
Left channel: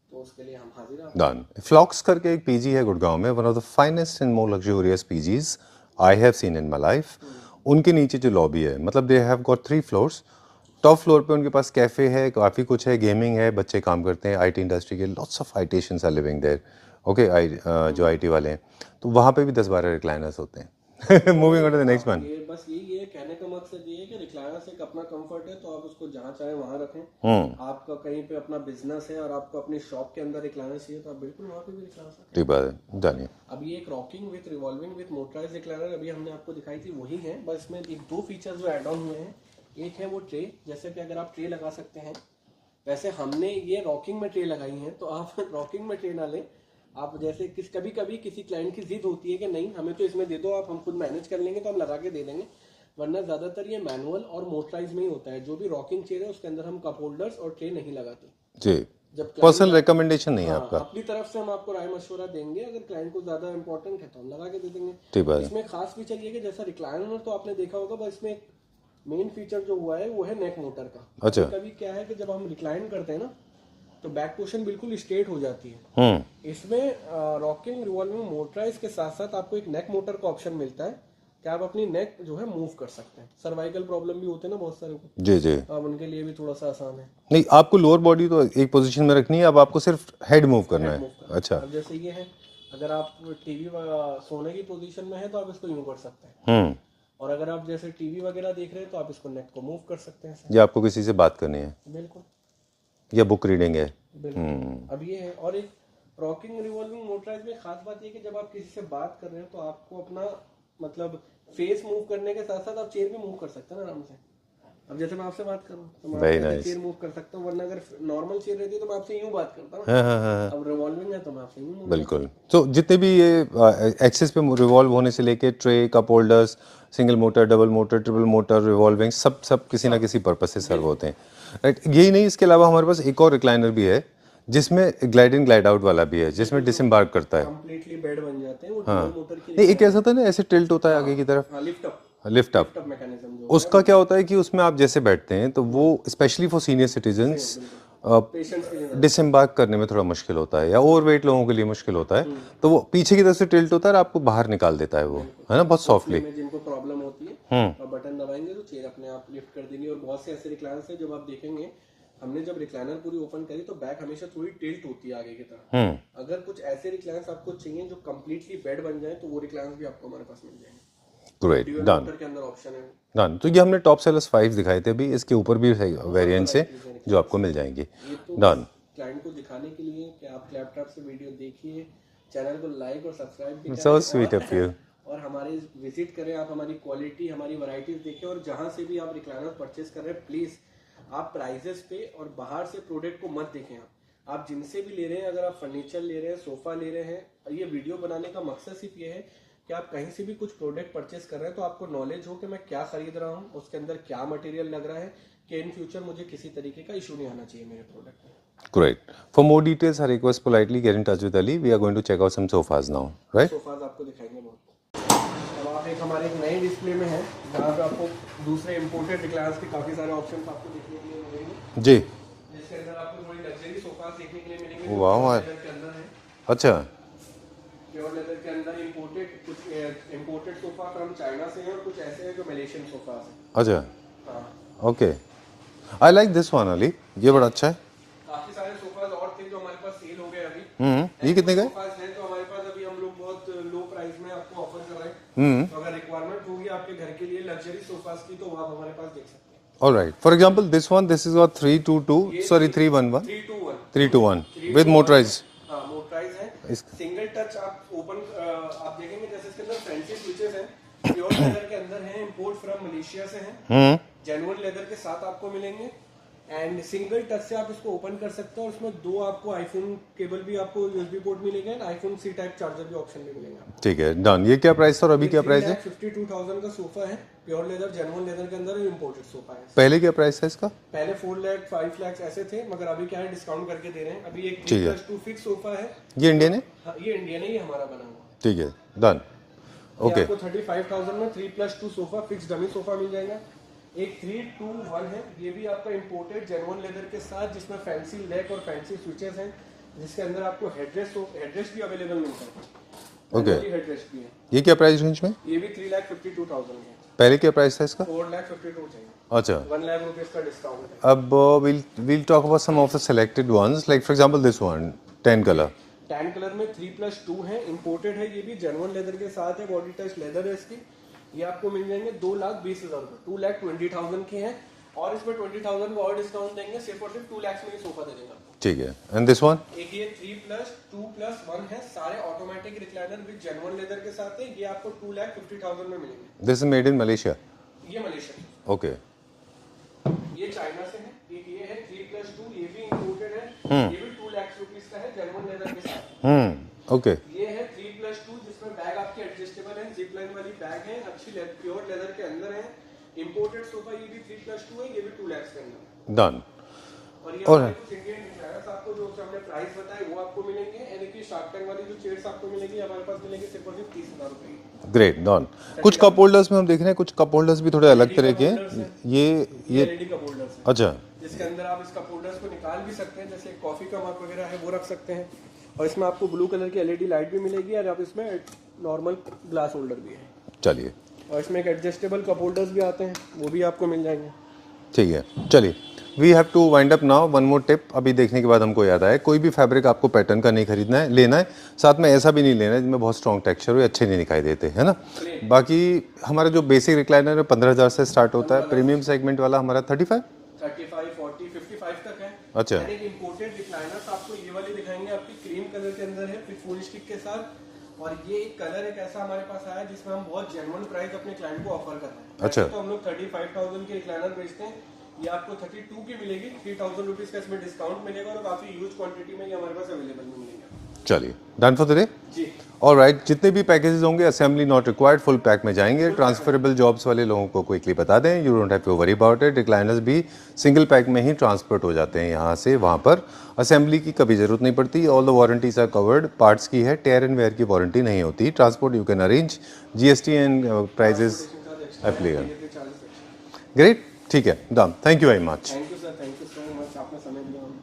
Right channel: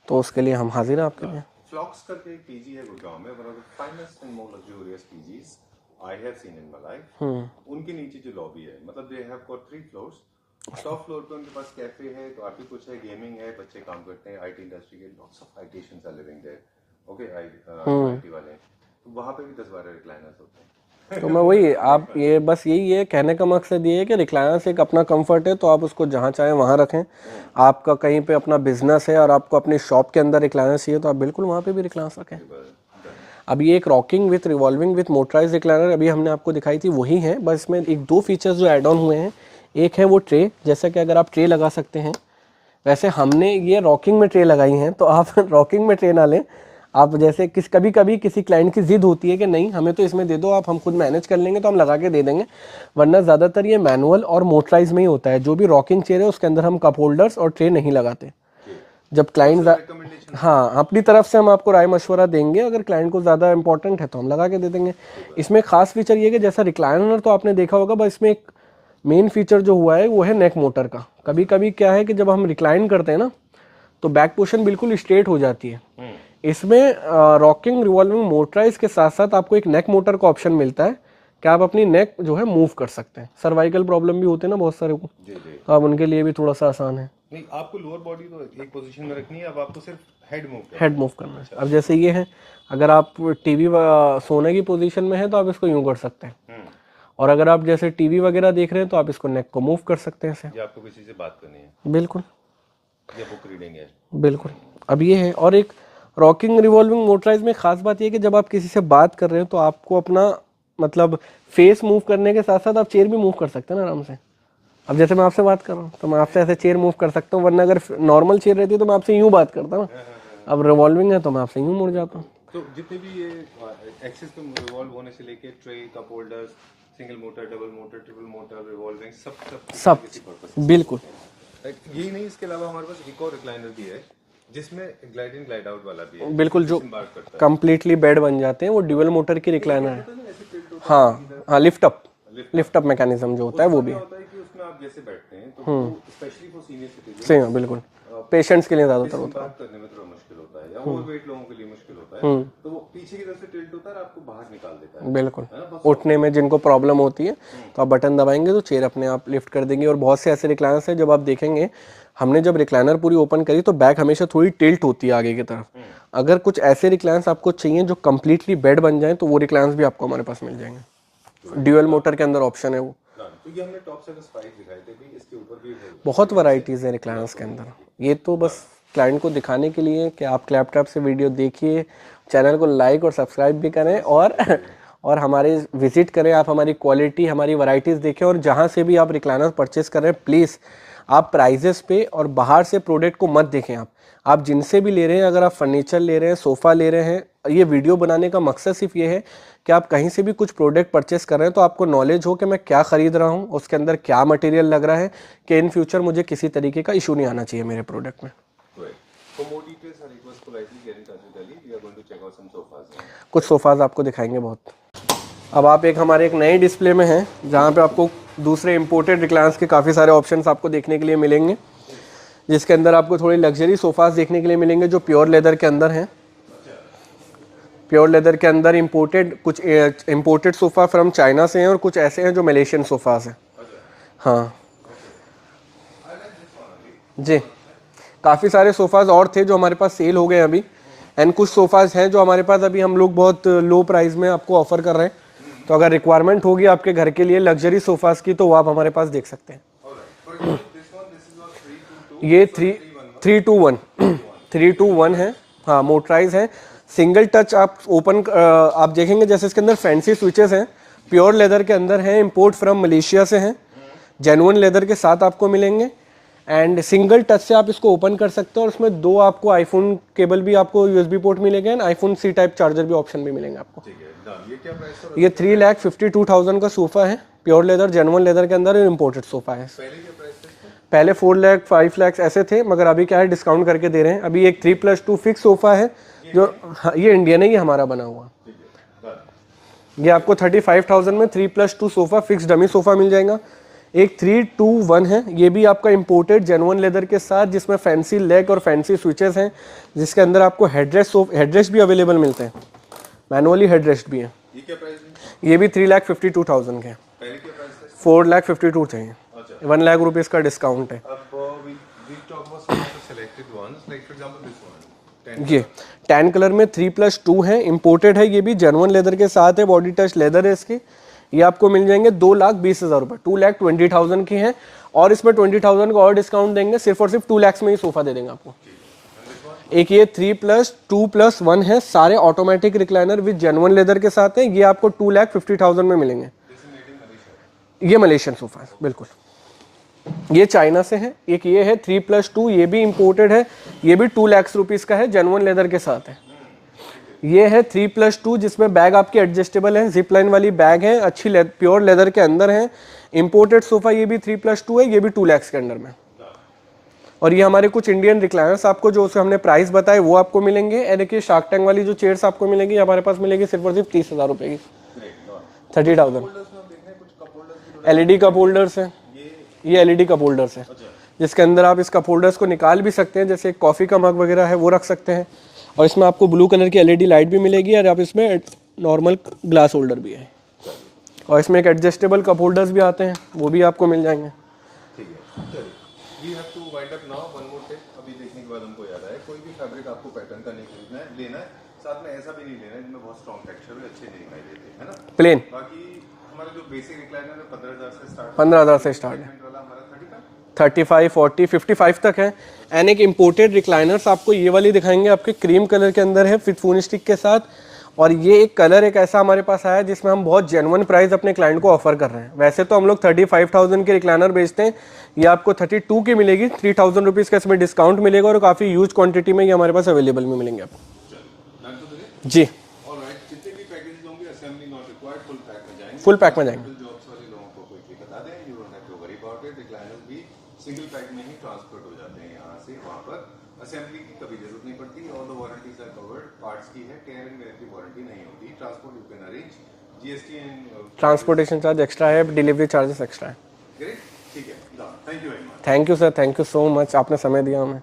तो उसके लिए हम हाजिर हैं आपके लिए। फ्लॉक्स करके एक पीजी है गुड़गांव में, one of the finest and more luxurious PGs I have seen in my life. उनके नीचे जो लॉबी है, मतलब they have got 3 floors. Top floor पे उनके पास कैफे है, काफ़ी कुछ है, गेमिंग है, बच्चे काम करते हैं, आईटी इंडस्ट्री के lots of ITians are living there. Okay, जो आईटी वाले हैं तो वहाँ पे भी 10-12 रिक्लाइनर्स होते हैं। तो मैं वही आप ये बस यही है कहने का मकसद ये है कि रिक्लाइनर्स एक अपना कंफर्ट है तो आप उसको जहाँ चाहें वहाँ रखें। आपका कहीं पे अपना बिजनेस है और आपको अपनी शॉप के अंदर रिक्लाइनर्स चाहिए तो आप बिल्कुल वहाँ पे भी रिक्लाइनर्स रखें। अब ये एक rocking with revolving with motorise recliner अभी हमने आपको दिखाई थी वही है, बस इसमें एक 2 फीचर्स जो एड ऑन हुए हैं। एक है वो ट्रे, जैसा कि अगर आप ट्रे लगा सकते हैं, वैसे हमने ये रॉकिंग में ट्रे लगाई हैं तो आप रॉकिंग में ट्रे ना लें। आप जैसे कभी कभी किसी क्लाइंट की जिद होती है कि नहीं हमें तो इसमें दे दो, आप हम खुद मैनेज कर लेंगे तो हम लगा के दे देंगे, वरना ज़्यादातर ये मैनुअल और मोटराइज में ही होता है। जो भी रॉकिंग चेयर है उसके अंदर हम कप होल्डर्स और ट्रे नहीं लगाते जी। जब क्लाइंट रिकमेंडेशन, हाँ अपनी तरफ से हम आपको राय मशवरा देंगे, अगर क्लाइंट को ज़्यादा इंपॉर्टेंट है तो हम लगा के दे देंगे। इसमें खास फीचर ये कि जैसा रिक्लाइनर तो आपने देखा होगा, बस इसमें एक मेन फीचर जो हुआ है वो है नेक मोटर का। कभी कभी क्या है कि जब हम रिक्लाइन करते हैं ना तो बैक पोर्शन बिल्कुल स्ट्रेट हो जाती है। इसमें रॉकिंग रिवॉल्विंग मोटराइज के साथ साथ आपको एक नेक मोटर का ऑप्शन मिलता है कि आप अपनी नेक जो है मूव कर सकते हैं। सर्वाइकल प्रॉब्लम भी होते हैं ना बहुत सारे को, जी जी, अब उनके लिए भी थोड़ा सा आसान है। नहीं, आपको लोअर बॉडी तो एक पोजीशन में रखनी है, अब आपको सिर्फ हेड मूव करना है। अच्छा। अब जैसे ये है, अगर आप टीवी सोने की पोजीशन में है तो आप इसको यूं कर सकते हैं और अगर आप जैसे टीवी वगैरह देख रहे हैं तो आप इसको नेक को मूव कर सकते हैं ऐसे। या आपको किसी से बात करनी है बिल्कुल या बुक रीडिंग है। बिल्कुल। अब ये है, और एक रॉकिंग रिवॉल्विंग मोटराइज में खास बात ये है कि जब आप किसी से बात कर रहे हो तो आपको अपना मतलब फेस मूव करने के साथ साथ आप चेयर भी मूव कर सकते हैं ना आराम से। अब जैसे मैं आपसे बात कर रहा हूँ तो मैं आपसे ऐसे चेयर मूव कर सकता हूँ, वरना अगर नॉर्मल चेयर रहती है तो मैं आपसे यूं बात करता हूँ ना। अब रिवॉल्विंग है तो मैं आपसे यूं मुड़ जाता हूँ। तो जितने भी ये एक्सिस पे रिवॉल्व होने से लेके tray, cup holders, single motor, double motor, triple motor, revolving, सब सब किसी ना किसी पर्पस से सर्व होते हैं, राइट। यही नहीं, इसके अलावा हमारे पास एक और रिक्लाइनर भी है जिसमें ग्लाइड इन ग्लाइड आउट वाला भी है, जिसमें डिसएम्बार्क करता है, कंप्लीटली बेड बन जाते हैं। वो ड्यूल मोटर की एक ऐसा होता है ना, ऐसे टिल्ट होता है आगे की तरफ, हाँ lift up lift up mechanism जो होता है उसका क्या होता है कि उसमें आप जैसे बैठते हैं तो वो स्पेशली फॉर सीनियर सिटीजन, बिल्कुल पेशेंट्स के लिए ज्यादा डिसएम्बार्क करने में थोड़ा मुश्किल होता है, या ओवरवेट लोगों के लिए मुश्किल होता है, तो वो पीछे की तरफ से टिल्ट होता है और आपको बाहर निकाल देता है वो, बिल्कुल है ना, बहुत उठने सॉफ्टली। में जिनको प्रॉब्लम होती है तो आप बटन दबाएंगे तो चेयर अपने आप लिफ्ट कर देंगे। और बहुत से ऐसे रिक्लाइनर्स हैं, जब आप देखेंगे हमने जब रिक्लाइनर पूरी ओपन करी तो बैक हमेशा थोड़ी टिल्ट होती है आगे की तरफ। अगर कुछ ऐसे रिक्लाइनर्स आपको चाहिए जो कंप्लीटली बेड बन जाए तो वो रिक्लाइनर्स भी आपको हमारे पास मिल जाएंगे। ड्यूअल मोटर के अंदर ऑप्शन है वो। डन। तो ये हमने टॉप सेलर्स 5 दिखाए थे अभी, इसके ऊपर भी है बहुत वैरायटीज है जो आपको मिल जाएंगी। ये तो बस क्लाइंट को दिखाने के लिए कि आप क्लैपटॉप से वीडियो देखिए, चैनल को लाइक और सब्सक्राइब भी करें और हमारे विजिट करें, आप हमारी क्वालिटी, हमारी वैरायटीज देखें। और जहां से भी आप रिक्लाइनर परचेस कर रहे हैं प्लीज़ आप प्राइजेस पे और बाहर से प्रोडक्ट को मत देखें। आप जिनसे भी ले रहे हैं, अगर आप फर्नीचर ले रहे हैं, सोफ़ा ले रहे हैं, ये वीडियो बनाने का मकसद सिर्फ ये है कि आप कहीं से भी कुछ प्रोडक्ट परचेस कर रहे हैं तो आपको नॉलेज हो कि मैं क्या खरीद रहा हूँ, उसके अंदर क्या मटेरियल लग रहा है, कि इन फ्यूचर मुझे किसी तरीके का इशू नहीं आना चाहिए मेरे प्रोडक्ट में। Great. For more details I request politely get in touch with Ali, we are going to check out some sofas now. कुछ सोफाज आपको दिखाएंगे बहुत। अब आप हमारे एक नए डिस्प्ले में हैं जहाँ पे आपको दूसरे इंपोर्टेड रिक्लाइनर्स के काफ़ी सारे ऑप्शंस आपको देखने के लिए मिलेंगे जी, जिसके अंदर आपको थोड़ी लग्जरी सोफाज देखने के लिए मिलेंगे जो प्योर लेदर के अंदर हैं। अच्छा, प्योर लेदर के अंदर कुछ इंपोर्टेड सोफ़ा फ्रॉम चाइना से हैं और कुछ ऐसे हैं जो मलेशियन सोफाज हैं। अच्छा, हाँ okay, I like this one Ali, ये बड़ा अच्छा है। काफ़ी सारे सोफाज और थे जो हमारे पास सेल हो गए अभी, एंड कुछ सोफाज हैं जो हमारे पास अभी हम लोग बहुत लो प्राइस में आपको ऑफर कर रहे हैं। तो अगर रिक्वायरमेंट होगी आपके घर के लिए लग्जरी सोफाज की तो वो आप हमारे पास देख सकते हैं। Alright, for example this one, this is 322, ये सॉरी 311, 321 विद मोटराइज। हाँ मोटराइज है, सिंगल टच। आप ओपन आप देखेंगे जैसे इसके अंदर फैंसी स्विचेस हैं, प्योर लेदर के अंदर हैं, इंपोर्ट फ्रॉम मलेशिया से हैं, जेन्युइन लेदर के साथ आपको मिलेंगे। एंड सिंगल टच से आप इसको ओपन कर सकते हो और उसमें दो आपको आईफोन केबल भी, आपको यूएसबी पोर्ट मिलेगा and iPhone C type charger भी ऑप्शन भी मिलेंगे आपको। ठीक है, डन। ये क्या प्राइस था? ये 3,52,000 का सोफा है, प्योर लेदर, जेन्युइन लेदर के अंदर इंपोर्टेड सोफा है। पहले क्या प्राइस था इसका? पहले 4 लाख 5 लाख ऐसे थे, मगर अभी क्या है डिस्काउंट करके दे रहे हैं। अभी एक 3+2 फिक्स सोफा है। ये इंडियन है? हाँ ये इंडियन है, ये हमारा बना हुआ। ठीक है, डन। ये आपको 35,000 में 3+2 सोफा फिक्स डमी सोफा मिल जाएगा। एक 321 है, ये भी आपका इंपोर्टेड जेन्युइन लेदर के साथ, जिसमें फैंसी लेग और फैंसी स्विचेस हैं, जिसके अंदर आपको हेडरेस्ट भी अवेलेबल मिलते हैं, मैनुअली हेडरेस्ट भी है। ये क्या प्राइस रेंज में? ये भी 3,52,000 के। पहले क्या प्राइस था इसका? 4,52,000 चाहिए। अच्छा, 1 लाख रुपीस का डिस्काउंट है। अब we'll talk about some of the selected ones, like for example this one, tan color. Tan colour में 3+2 है, इंपोर्टेड है, ये भी जेन्युइन लेदर के साथ है, बॉडी टच लेदर है इसकी। ये आपको मिल जाएंगे 2,20,000 रुपये, 2,20,000 की है। और इसमें 20,000 का और डिस्काउंट देंगे, सिर्फ और सिर्फ 2 लाख में ही सोफा दे देंगे आपको। ठीक है, एंड दिस वन? एक ये 3+2+1 है, सारे automatic recliner with genuine leather के साथ है। ये आपको 2,50,000 में मिलेंगे। This is made in Malaysia? ये मलेशियन सोफा है, बिल्कुल। ये चाइना से है। एक ये है 3+2, ये भी इंपोर्टेड है, ये भी 2 लाख रुपीस का है, जेन्युइन लेदर के साथ है। ओके। ये है 3+2, जिसमें बैग आपकी एडजस्टेबल है, जिप लाइन वाली बैग है, अच्छी प्योर लेदर के अंदर है, इंपोर्टेड सोफा। ये भी 3+2 है, ये भी 2 लाख के अंदर में, डन। और ये हमारे कुछ इंडियन रिक्लाइनर्स आपको जो हमने प्राइस बताए वो आपको मिलेंगे। एंड देखिए शार्क टैंक वाली जो चेयर्स आपको मिलेंगी हमारे पास मिलेगी सिर्फ और सिर्फ 30,000 रुपए की। Great, done. कुछ कप होल्डर्स में हम देख रहे हैं, कुछ कप होल्डर्स भी थोड़े एलईडी कप होल्डर्स हैं। ये एलईडी कप होल्डर्स हैं। अच्छा, जिसके अंदर आप इस कप होल्डर्स को निकाल भी सकते हैं, जैसे कॉफी का मग वगैरह है वो रख सकते हैं। और इसमें आपको ब्लू कलर की एलईडी लाइट भी मिलेगी, और आप इसमें नॉर्मल ग्लास होल्डर भी है। चलिए, और इसमें एक एडजस्टेबल कप होल्डर्स भी आते हैं, वो भी आपको मिल जाएंगे। ठीक है, चलिए। We have to wind up now. One more tip अभी देखने के बाद हमको याद आया, कोई भी फैब्रिक आपको पैटर्न का नहीं खरीदना है, लेना है, साथ में ऐसा भी नहीं लेना है जिनमें बहुत स्ट्रॉन्ग टेक्सचर हो, अच्छे नहीं दिखाई देते, है ना। प्लेन बाकी हमारा जो बेसिक रिक्लाइनर है 15,000 से स्टार्ट होता है, प्रीमियम सेगमेंट वाला हमारा 35, 40, 55 तक है। एंड एक इम्पोर्टेड रिक्लाइनर्स आपको ये वाली दिखाएंगे, आपके क्रीम कलर के अंदर है विद फोन स्टिक के साथ। और ये एक कलर एक ऐसा हमारे पास आया जिसमें हम बहुत जेन्युइन प्राइस अपने क्लाइंट को ऑफर कर रहे हैं। वैसे तो हम लोग 35,000 के रिक्लाइनर बेचते हैं, ये आपको 32 की मिलेगी, 3,000 रुपीज़ का इसमें डिस्काउंट मिलेगा और काफ़ी ह्यूज क्वांटिटी में ये हमारे पास अवेलेबल में मिलेंगे आपको। चलिए, डन फॉर द डे जी। ऑलराइट, जितने भी पैकेजेस होंगे assembly not required, full pack में जाएंगे। ट्रांसफरेबल जॉब्स वाले लोगों को क्विकली बता दें, you don't have to worry about it. Recliners भी सिंगल पैक में ही ट्रांसपोर्ट हो जाते हैं यहाँ से वहाँ पर, असेंबली की कभी जरूरत नहीं पड़ती। All the warranties are covered, parts की है, टेयर एंड वेयर की वारंटी नहीं होती। Transport you can arrange, GST and transportation charge extra है, डिलीवरी चार्जेस एक्स्ट्रा है। ग्रेट, ठीक है, done. Thank you very much. Thank you sir, thank you so much, आपने समय दिया हमें।